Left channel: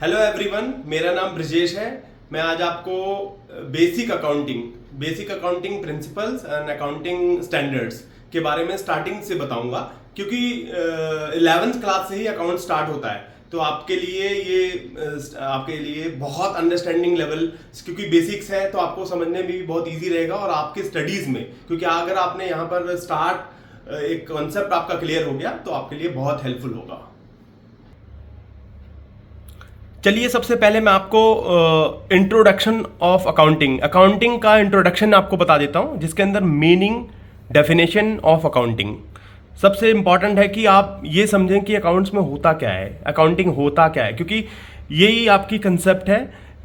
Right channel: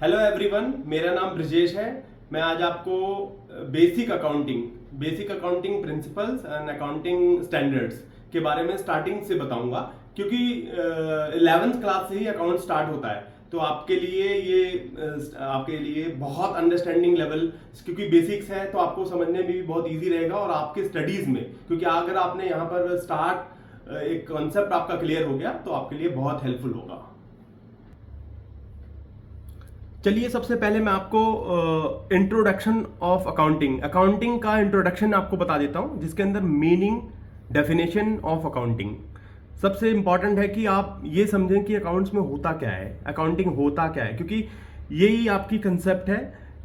Hello everyone, मेरा नाम ब्रजेश है। मैं आज आपको basic accounting principles and accounting standards के बारे में स्टार्टिंग से बताऊंगा, क्योंकि 11th क्लास से ही अकाउंट स्टार्ट होता है। तो आपके लिए बहुत अंडरस्टैंडिंग लेवल, क्योंकि बेसिक्स है तो आपको समझने में भी बहुत इजी रहेगा, और आपके स्टडीज में, क्योंकि अगर आपने यहाँ पर एक कॉन्सेप्ट आपका क्लियर हो गया तो आपके लिए बहुत हेल्पफुल होगा। चलिए, सबसे पहले मैं आपको इंट्रोडक्शन ऑफ अकाउंटिंग का इंट्रोडक्शन आपको बता देता हूँ, जिसके अंदर मीनिंग, डेफिनेशन ऑफ अकाउंटिंग सबसे इंपॉर्टेंट है कि आप ये समझें कि अकाउंट्स में होता क्या है, अकाउंटिंग होता क्या है, क्योंकि यही आपकी कंसेप्ट है।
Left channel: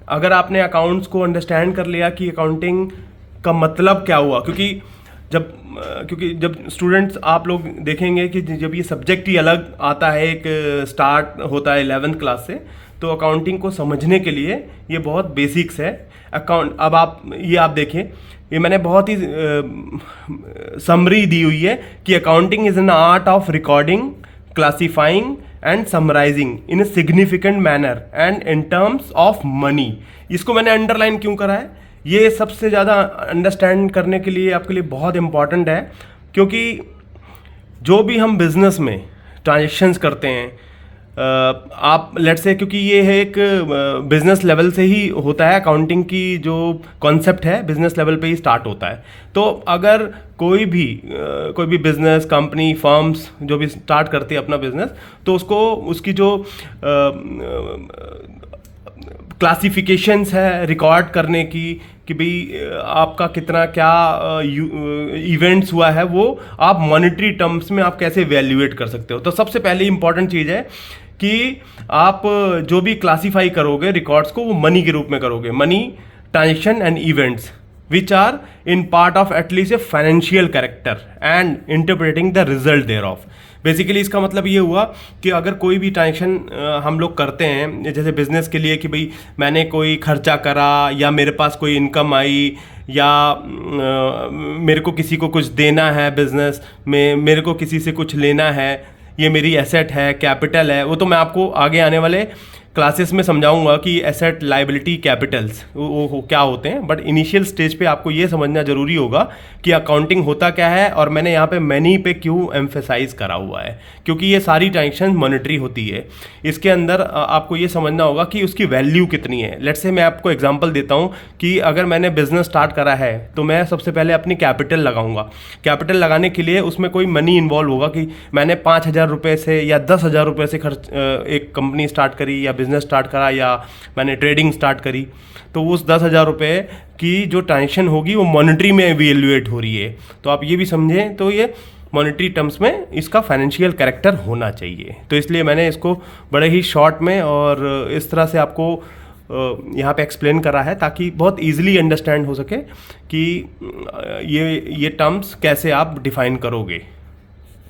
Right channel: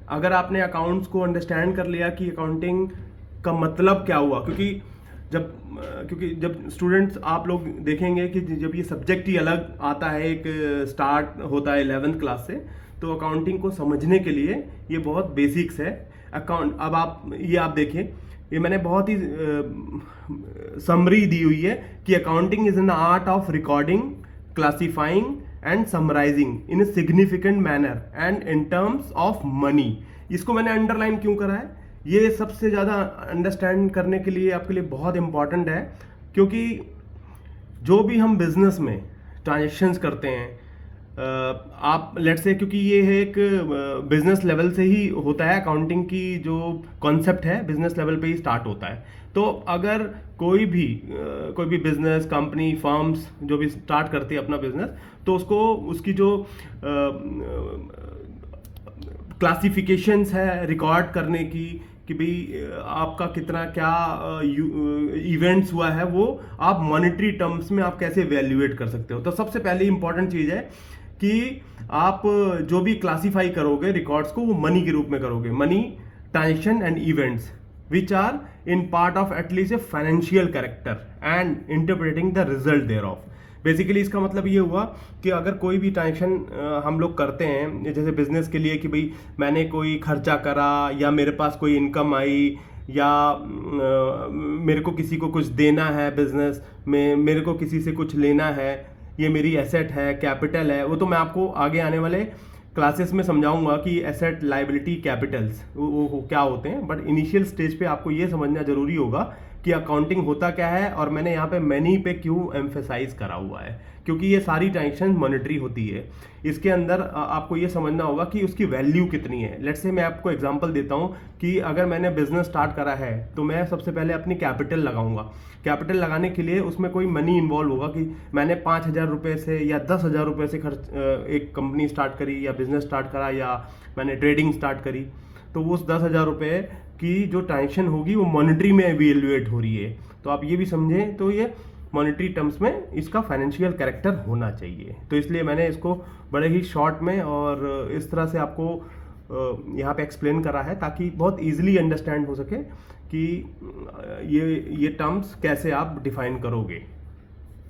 अगर आपने अकाउंट्स को अंडरस्टैंड कर लिया कि अकाउंटिंग का मतलब क्या हुआ, क्योंकि जब स्टूडेंट्स आप लोग देखेंगे कि जब ये सब्जेक्ट ही अलग आता है, एक स्टार्ट होता है 11th क्लास से, तो अकाउंटिंग को समझने के लिए ये बहुत बेसिक्स है। अब आप देखें, ये मैंने बहुत ही समरी दी हुई है कि accounting is an art of recording, classifying and summarising in a significant manner and in terms of money. इसको मैंने अंडरलाइन क्यों करा है? ये सबसे ज़्यादा अंडरस्टैंड करने के लिए आपके लिए बहुत इंपॉर्टेंट है, क्योंकि जो भी हम बिजनेस में ट्रांजेक्शन्स करते हैं, आप लेट्स से, क्योंकि ये है एक बिजनेस लेवल से ही होता है, अकाउंटिंग की जो कॉन्सेप्ट है बिजनेस लेवल पे ही स्टार्ट होता है। तो अगर कोई भी बिजनेस, कंपनी, फर्म्स जो भी स्टार्ट करती है अपना बिजनेस, तो उसकी जो क्लासिफिकेशंस है रिकॉर्ड करने की, कि भाई आपका कितना क्या इवेंट्स हुआ है, वो आप मॉनेटरी टर्म्स में आप कैसे वैल्यूएट कर सकते हो। तो सबसे पहले इंपॉर्टेंट चीज़ है कि आप जो भी क्लासीफाई करोगे रिकॉर्ड्स को, वो मनी के रूप में करोगे। Money, transaction and events which are in part of at least a financial character and interpreting the result thereof. Basically इसका मतलब ये हुआ कि अगर कोई भी ट्रांजेक्शन हम लोग करते हैं, जैसे बिजनेस के लिए, कि भाई मैंने कोई खर्चा करा, या मेरे पास कोई इनकम आई, या मेरे को किसी को कुछ देना है बिजनेस में, मेरे को किसी से कुछ लेना है, ये मेरी एसेट है, कैपिटल है, वो तो मैं आपको आगे आने वाले क्लासेस में समझाऊंगा कि एसेट, लाइबिलिटी, कैपिटल्स वो क्या होते हैं। बट इनिशियल स्टेज पे आपको ये समझना जरूरी होगा कि अकाउंटिंग होता क्या है, और मैंने यहाँ पे मनी पे क्यों एम्फेसाइज करा हुआ है, क्योंकि ये सारी ट्रांजेक्शन मॉनेटरी होती है। इसके अंदर आपको ये समझना होगा कि उसकी वैल्यू कितनी है। लेट्स से मैं आपको एग्जांपल देता हूँ कि अगर मैंने बिजनेस स्टार्ट करा है, तो मैं सबसे पहले अपनी कैपिटल लगाऊंगा। कैपिटल लगाने के लिए उसमें कोई मनी इन्वॉल्व होगा, कि मैंने 5,000 रुपये से या 10,000 रुपये से एक कंपनी स्टार्ट करी, या बिजनेस स्टार्ट करा, या मैंने ट्रेडिंग स्टार्ट करी, तो उस 10,000 रुपये की जो ट्रांजेक्शन होगी वो मॉनेटरी में इवेल्युएट हो रही है। तो आप ये भी समझें, तो ये मॉनेटरी टर्म्स में इसका फाइनेंशियल कैरेक्टर होना चाहिए। तो इसलिए मैंने इसको बड़े ही शॉर्ट में और इस तरह से आपको यहाँ पे एक्सप्लेन करा है, ताकि बहुत इजीली अंडरस्टैंड हो सके कि ये टर्म्स कैसे आप डिफाइन करोगे।